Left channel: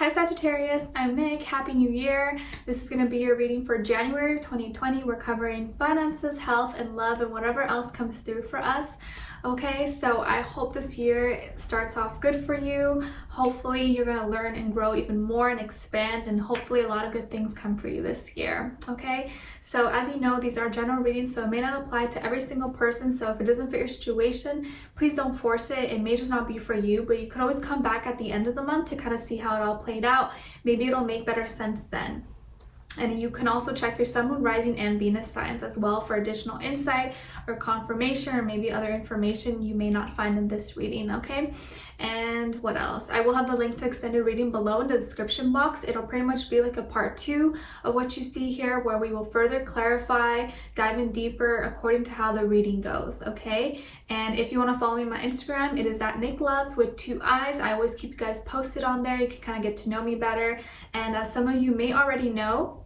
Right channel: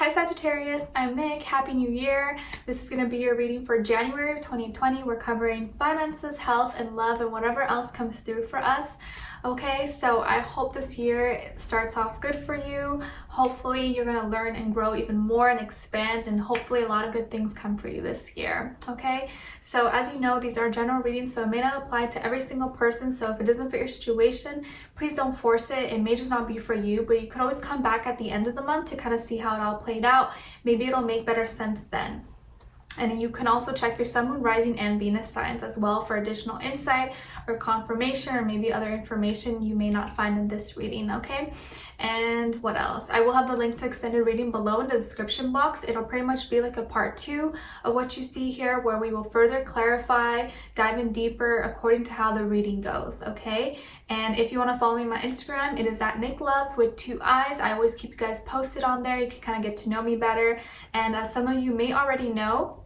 Hi Sagittarius, I'm Nick. Happy New Year. This is going to be your reading for January of 2020. We're covering finances, health, and love, and whatever else comes through for us. Okay, so I hope this year starts off good for you. Hopefully you're going to learn and grow even more and expand, and hopefully a lot of good things come for you this year. Okay, so as you know, these are general readings, so it may not apply to every single person. So if it doesn't fit your situation, please don't force it. It may just not be for you, but you could always come back at the end of the month to kind of see how it all played out. Maybe it'll make better sense then. And you can also check your sun, moon, rising, and Venus signs as well for additional insight or confirmation, or maybe other information you may not find in this reading, okay? And what else? I will have the link to extended reading below in the description box. It'll pretty much be like a part 2 of what you see here, where we will further clarify, dive in deeper according to how the reading goes, okay? And if you want to follow me on my Instagram, it is at NicLoves with 2 eyes. I always keep you guys posted on there. You can kind of get to know me better. And as some of you may already know,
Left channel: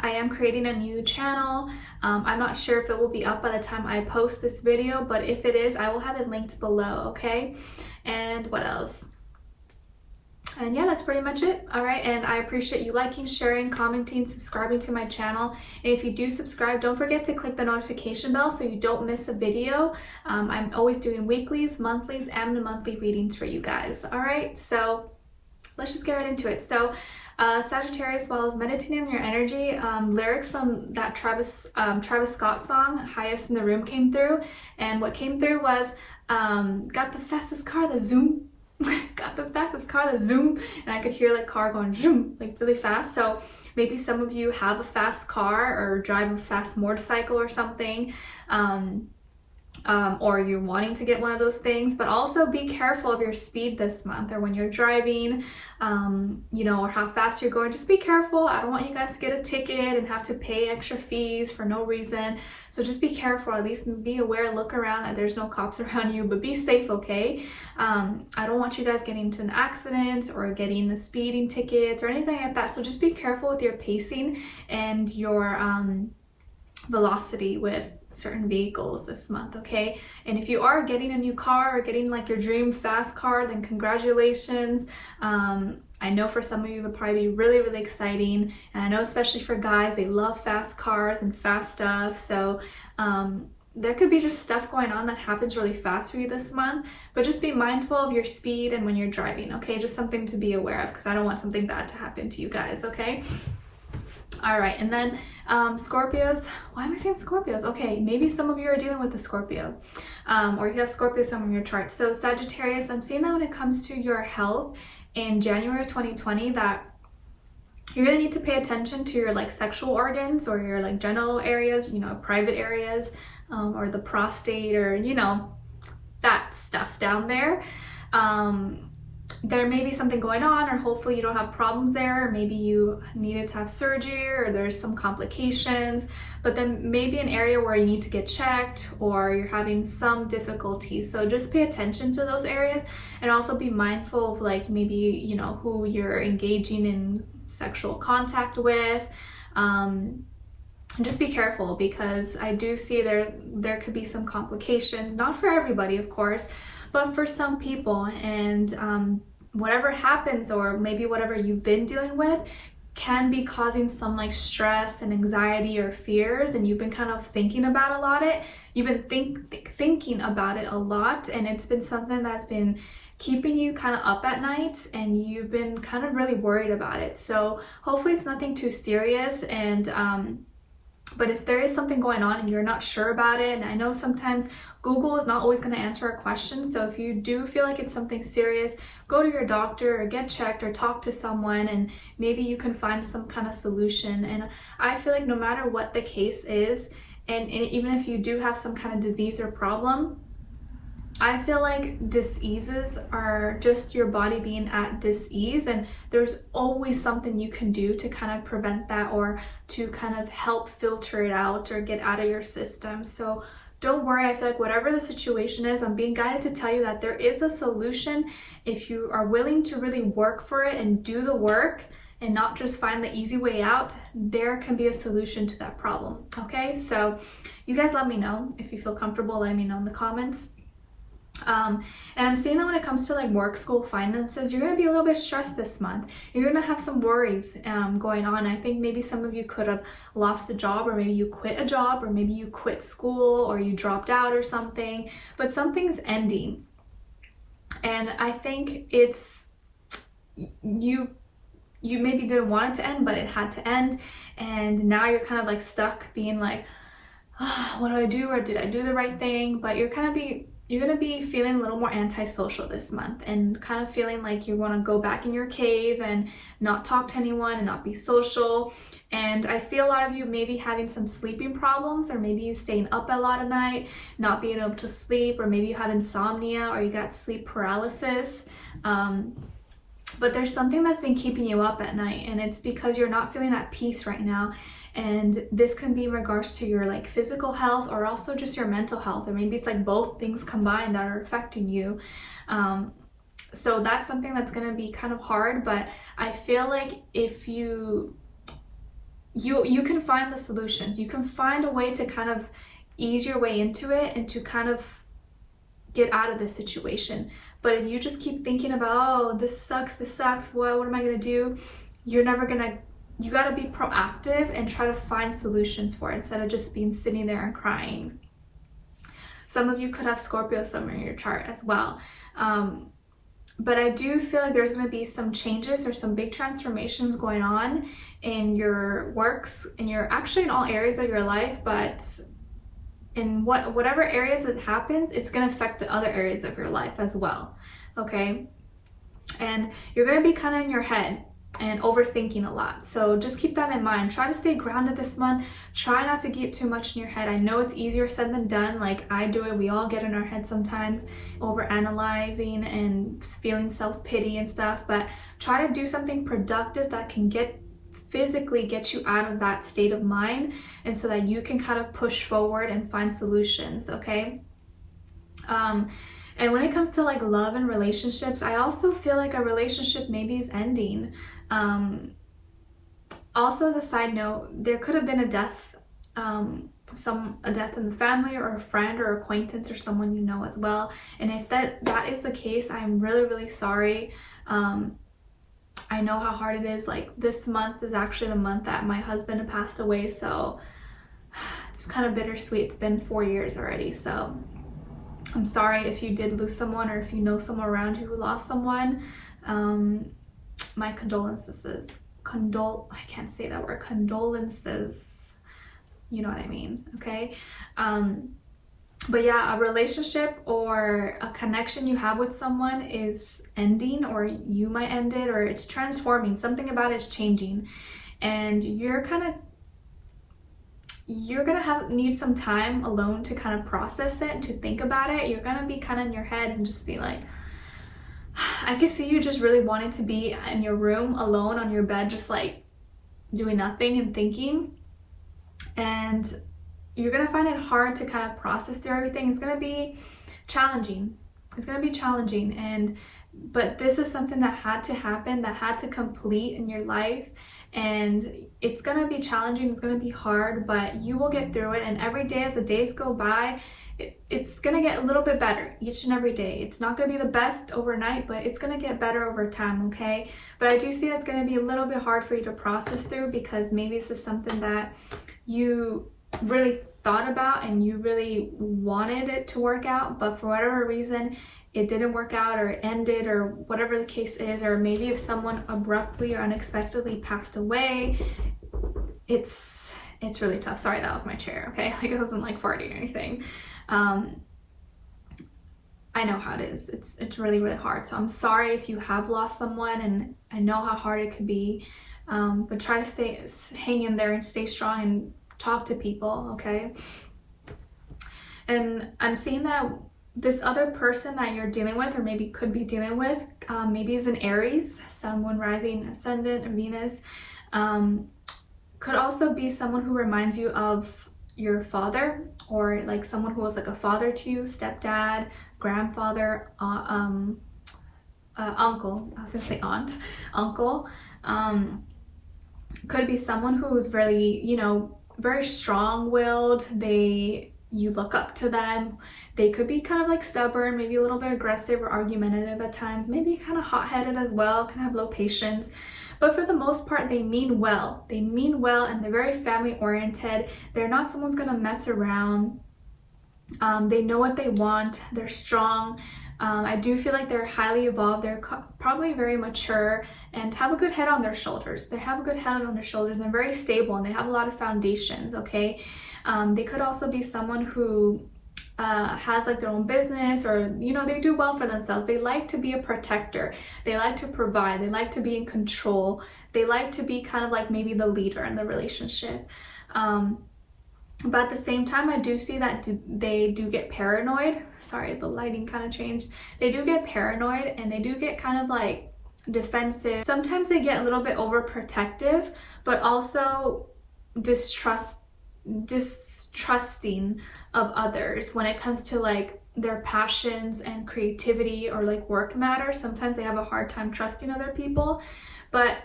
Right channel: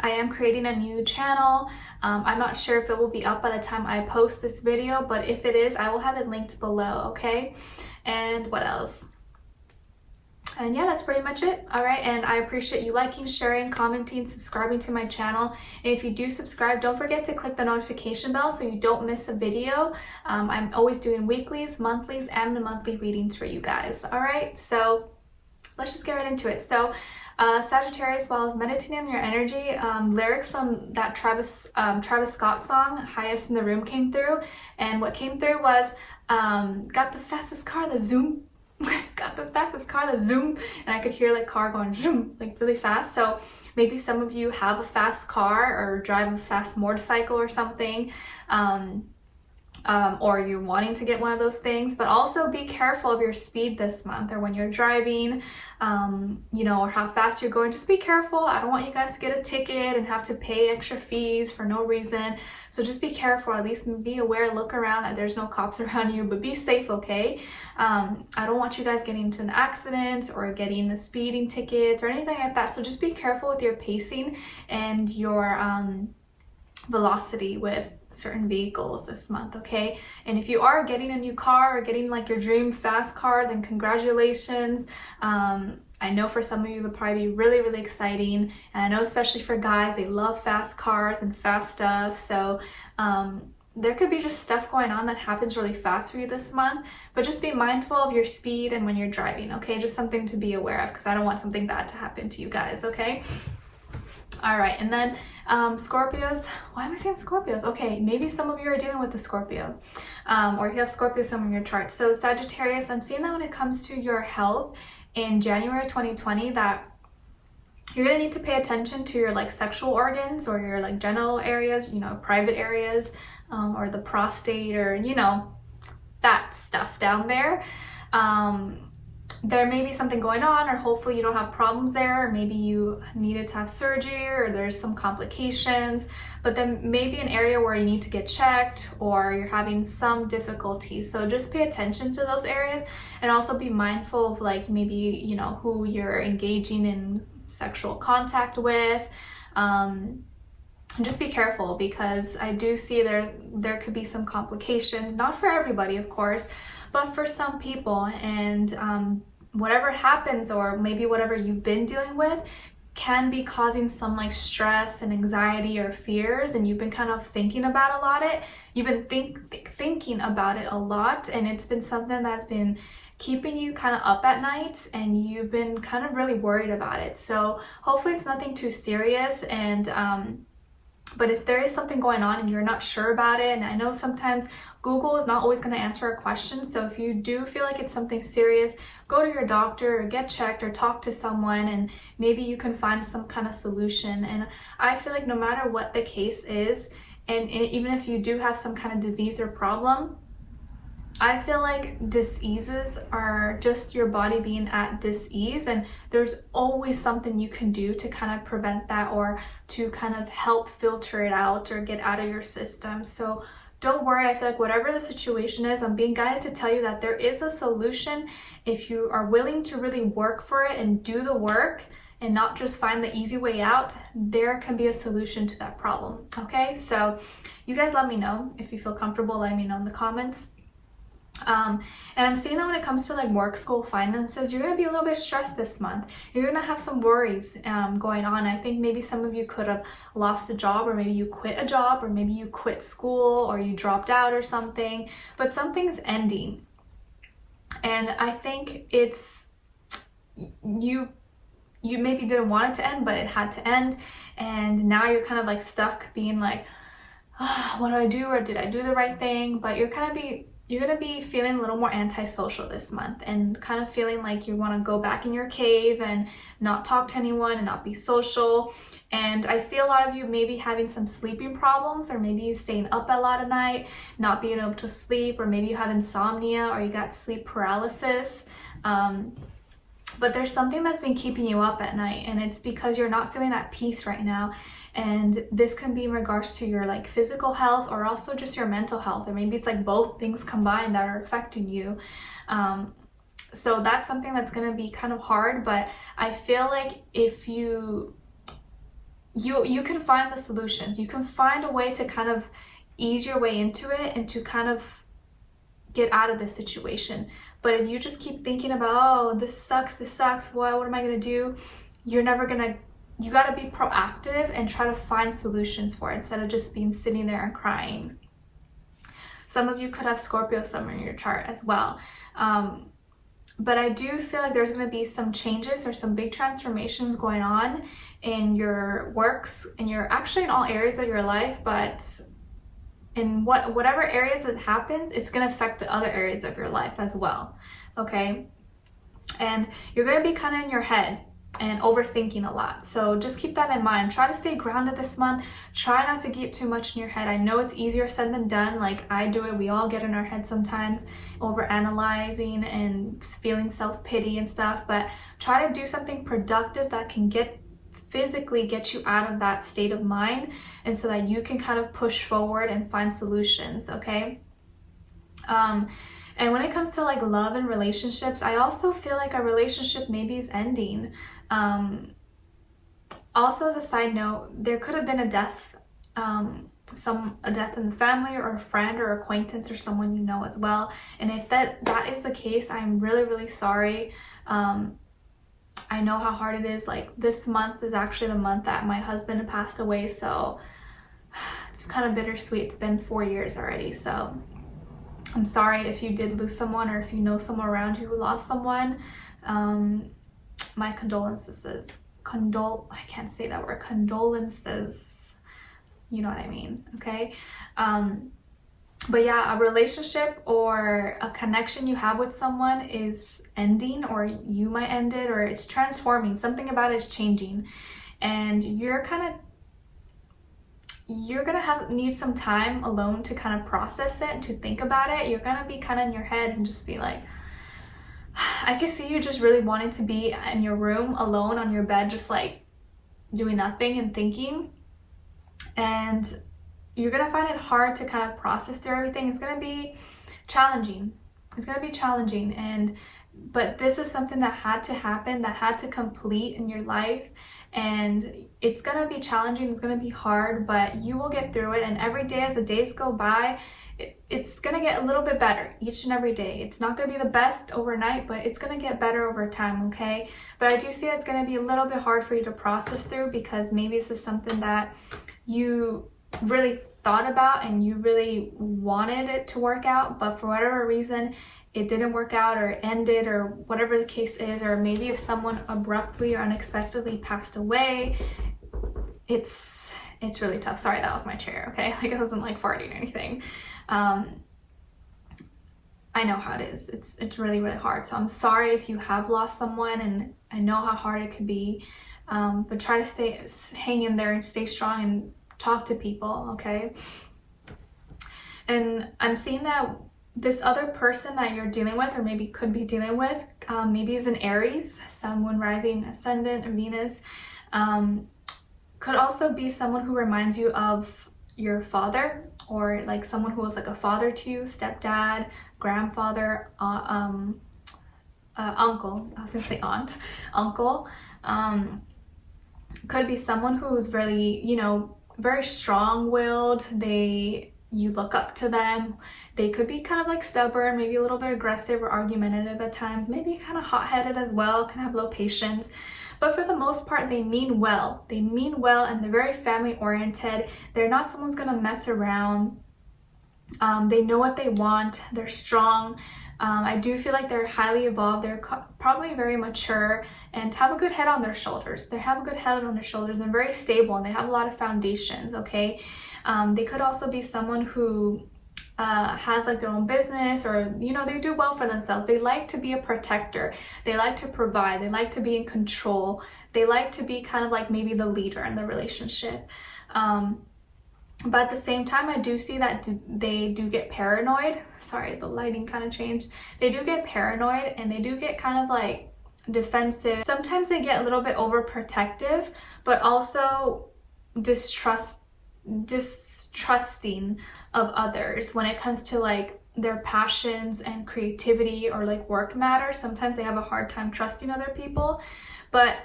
I am creating a new channel. I'm not sure if it will be up by the time I post this video, but if it is, I will have it linked below, okay? And what else? And yeah, that's pretty much it. All right, and I appreciate you liking, sharing, commenting, subscribing to my channel. And if you do subscribe, don't forget to click the notification bell so you don't miss a video. I'm always doing weeklies, monthlies, and monthly readings for you guys. All right, so let's just get right into it. So Sagittarius, while I was meditating on your energy, lyrics from that Travis Scott song, Highest in the Room, came through. And what came through was, got the fastest car, the zoom. Got the fastest car, the zoom. And I could hear like car going zoom, like really fast. So maybe some of you have a fast car or drive a fast motorcycle or something. Or you're wanting to get one of those things, but also be careful of your speed this month, or when you're driving, you know, or how fast you're going. Just be careful. I don't want you guys to get a ticket and have to pay extra fees for no reason. So just be careful, at least be aware, look around that there's no cops around you, but be safe, okay? I don't want you guys getting into an accident or getting the speeding tickets or anything like that. So just be careful with your pacing and your velocity with certain vehicles this month, okay? And if you are getting a new car or getting like your dream fast car, then congratulations. I know for some of you it'll probably be really, really exciting, and I know especially for guys, they love fast cars and fast stuff. So there could be just stuff going on that happens really fast for you this month, but just be mindful of your speed and when you're driving, okay? Just something to be aware of, because I don't want something bad to happen to you guys, okay? All right, and then Scorpios. Why am I saying Scorpios? Okay, maybe some of you are dealing with the Scorpio, or you have Scorpio somewhere in your chart. So Sagittarius, I'm seeing that when it comes to your health in January 2020, that you're gonna need to pay attention to your like sexual organs or your like genital areas, you know, private areas, or the prostate, or you know, that stuff down there. There may be something going on, or hopefully you don't have problems there, or maybe you needed to have surgery, or there's some complications, but then maybe an area where you need to get checked, or you're having some difficulty. So just pay attention to those areas, and also be mindful of like maybe, you know, who you're engaging in sexual contact with. Just be careful, because I do see there could be some complications, not for everybody of course, but for some people. And whatever happens, or maybe whatever you've been dealing with, can be causing some like stress and anxiety or fears, and you've been kind of thinking about you've been thinking about it a lot, and it's been something that's been keeping you kind of up at night, and you've been kind of really worried about it. So hopefully it's nothing too serious, and but if there is something going on and you're not sure about it, and I know sometimes Google is not always going to answer a question, so if you do feel like it's something serious, go to your doctor or get checked or talk to someone, and maybe you can find some kind of solution. And I feel like no matter what the case is, and even if you do have some kind of disease or problem, I feel like diseases are just your body being at dis-ease, and there's always something you can do to kind of prevent that, or to kind of help filter it out or get out of your system. So don't worry. I feel like whatever the situation is, I'm being guided to tell you that there is a solution. If you are willing to really work for it and do the work, and not just find the easy way out, there can be a solution to that problem, okay? So you guys let me know if you feel comfortable letting me know in the comments. And I'm seeing that when it comes to like work, school, finances, you're going to be a little bit stressed this month. You're going to have some worries going on. I think maybe some of you could have lost a job, or maybe you quit a job, or maybe you quit school, or you dropped out or something, but something's ending. And I think it's, you maybe didn't want it to end, but it had to end. And now you're kind of like stuck being like, oh, what do I do? Or did I do the right thing? But you're going to be feeling a little more antisocial this month, and kind of feeling like you want to go back in your cave and not talk to anyone and not be social. And I see a lot of you maybe having some sleeping problems, or maybe you staying up a lot at night, not being able to sleep, or maybe you have insomnia, or you got sleep paralysis. But there's something that's been keeping you up at night, and it's because you're not feeling at peace right now. And this can be in regards to your like physical health, or also just your mental health, or maybe it's like both things combined that are affecting you. So that's something that's going to be kind of hard, but I feel like if you can find the solutions, you can find a way to kind of ease your way into it and to kind of get out of this situation. But if you just keep thinking about, oh, this sucks, what am I going to do? You're never going to, you got to be proactive and try to find solutions for it, instead of just being sitting there and crying. Some of you could have Scorpio sun in your chart as well. But I do feel like there's going to be some changes or some big transformations going on in your works, and actually in all areas of your life, but in whatever areas it happens, it's going to affect the other areas of your life as well. Okay? And you're going to be kind of in your head and overthinking a lot. So just keep that in mind. Try to stay grounded this month. Try not to get too much in your head. I know it's easier said than done. Like I do it. We all get in our head sometimes, over analyzing and feeling self-pity and stuff. But try to do something productive that can physically get you out of that state of mind, and so that you can kind of push forward and find solutions. Okay? And when it comes to like love and relationships, I also feel like a relationship maybe is ending. Also, as a side note, there could have been a death, a death in the family, or a friend or acquaintance, or someone you know as well. And if that is the case, I'm really, really sorry. I know how hard it is. Like this month is actually the month that my husband had passed away, so it's kind of bittersweet. It's been 4 years already, so I'm sorry if you did lose someone, or if you know someone around you who lost someone. My condolences. I can't say that word. Condolences. You know what I mean, okay? But yeah, a relationship or a connection you have with someone is ending, or you might end it, or it's transforming. Something about it is changing, and you're gonna need some time alone to kind of process it, to think about it. You're gonna be kind of in your head and just be like, I can see you just really wanting to be in your room alone on your bed, just like doing nothing and thinking. And you're gonna find it hard to kind of process through everything. It's gonna be challenging. But this is something that had to happen, that had to complete in your life. And it's gonna be challenging, it's gonna be hard, but you will get through it. And every day, as the days go by, it's gonna get a little bit better each and every day. It's not gonna be the best overnight, but it's gonna get better over time, okay? But I do see it's gonna be a little bit hard for you to process through, because maybe this is something that you really thought about and you really wanted it to work out, but for whatever reason it didn't work out, or it ended, or whatever the case is. Or maybe if someone abruptly or unexpectedly passed away, it's really tough. Sorry, that was my chair, okay? Like, it wasn't like farting or anything. I know how it is. It's really, really hard. So I'm sorry if you have lost someone, and I know how hard it could be. But try to hang in there and stay strong and talk to people, okay? And I'm seeing that this other person that you're dealing with, or maybe could be dealing with, maybe is an Aries, Sun, Moon, Rising, Ascendant, and Venus. Could also be someone who reminds you of your father, or like someone who was like a father to you, stepdad, grandfather, uncle. I was gonna say aunt, uncle. Could be someone who is really, very strong-willed. They you look up to them. They could be kind of like stubborn, maybe a little bit aggressive or argumentative at times, maybe kind of hot-headed as well, can have low patience. But for the most part, they mean well. They mean well, and they're very family oriented. They're not someone's gonna mess around. They know what they want. They're strong. I do feel like they're highly evolved. They're probably very mature and have a good head on their shoulders. They have a good head on their shoulders. They're very stable and they have a lot of foundations, okay? They could also be someone who has like their own business, or you know, they do well for themselves. They like to be a protector. They like to provide. They like to be in control. They like to be kind of like maybe the leader in the relationship. But at the same time, I do see that they do get paranoid. Sorry, the lighting kind of changed. They do get paranoid and they do get kind of like defensive. Sometimes they get a little bit overprotective, but also distrusting of others when it comes to like their passions and creativity or like work matters. Sometimes they have a hard time trusting other people, but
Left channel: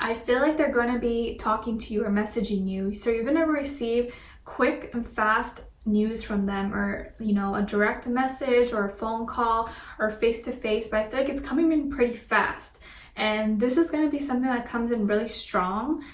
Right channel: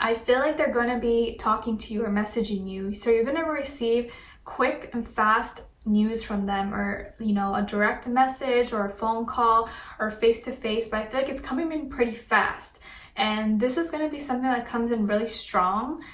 I feel like they're going to be talking to you or messaging you. So you're going to receive quick and fast news from them, or you know, a direct message or a phone call or face-to-face, but I feel like it's coming in pretty fast. And this is going to be something that comes in really strong,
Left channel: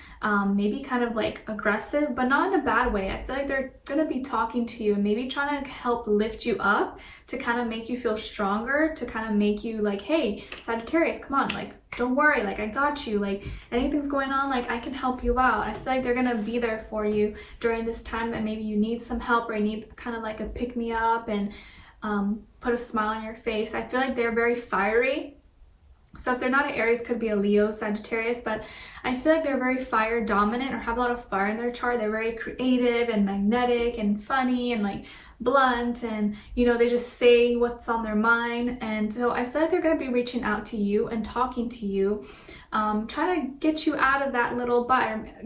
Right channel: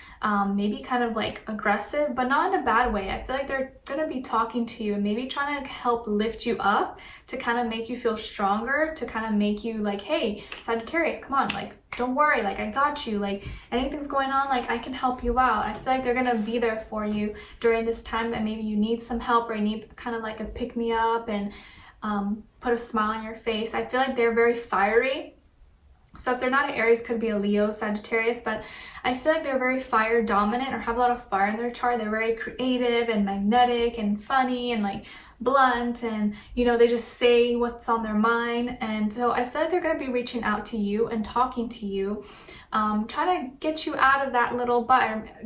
maybe kind of like aggressive, but not in a bad way. I feel like they're going to be talking to you and maybe trying to help lift you up, to kind of make you feel stronger, to kind of make you like, hey, Sagittarius, come on, like, don't worry, like, I got you, like, anything's going on, like, I can help you out. I feel like they're going to be there for you during this time that maybe you need some help, or you need kind of like a pick-me-up and put a smile on your face. I feel like they're very fiery. So if they're not an Aries, could be a Leo, Sagittarius, but I feel like they're very fire dominant or have a lot of fire in their chart. They're very creative and magnetic and funny and like blunt, and you know, they just say what's on their mind. And so I feel like they're going to be reaching out to you and talking to you, trying to get you out of that little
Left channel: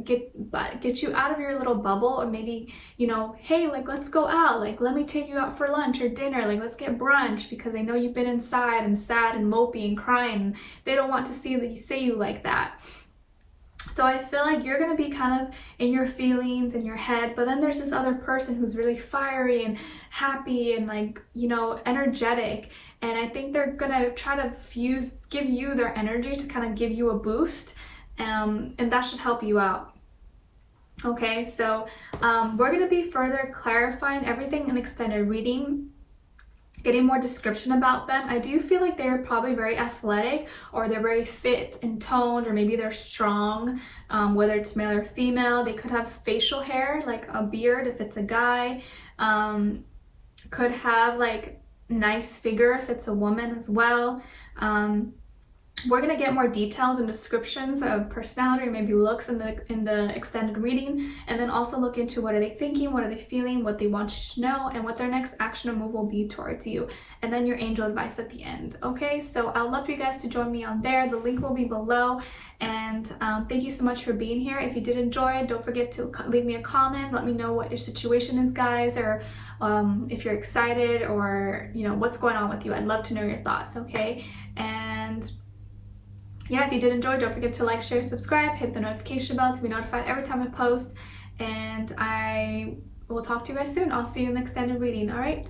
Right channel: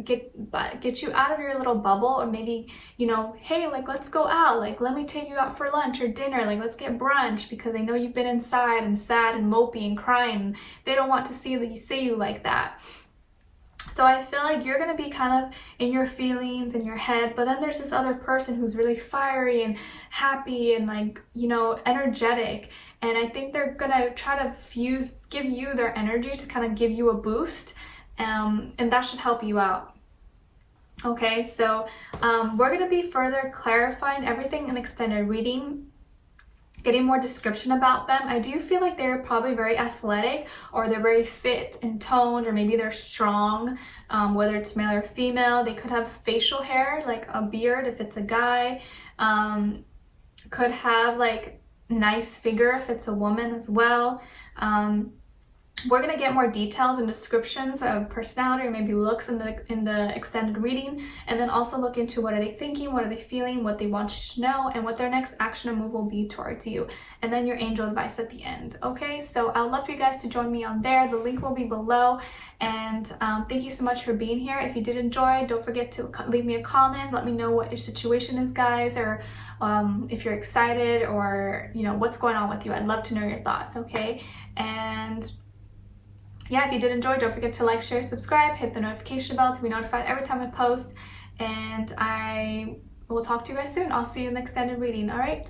get you out of your little bubble, or maybe, you know, hey, like, let's go out, like, let me take you out for lunch or dinner, like, let's get brunch, because they know you've been inside and sad and mopey and crying. They don't want to see you like that. So I feel like you're going to be kind of in your feelings, in your head, but then there's this other person who's really fiery and happy and like, you know, energetic. And I think they're going to try to give you their energy to kind of give you a boost. And that should help you out. Okay, so we're going to be further clarifying everything in extended reading, getting more description about them. I do feel like they're probably very athletic, or they're very fit and toned, or maybe they're strong, whether it's male or female. They could have facial hair, like a beard if it's a guy, could have like nice figure if it's a woman as well. We're going to get more details and descriptions of personality or maybe looks in the extended reading, and then also look into what are they thinking, what are they feeling, what they want you to know, and what their next action or move will be towards you, and then your angel advice at the end. Okay, so I'd love for you guys to join me on there. The link will be below, and thank you so much for being here. If you did enjoy, don't forget to leave me a comment. Let me know what your situation is, guys, or if you're excited, or you know, what's going on with you. I'd love to know your thoughts. Okay, and yeah, if you did enjoy, don't forget to like, share, subscribe, hit the notification bell to be notified every time I post, and I will talk to you guys soon. I'll see you in the extended reading. All right.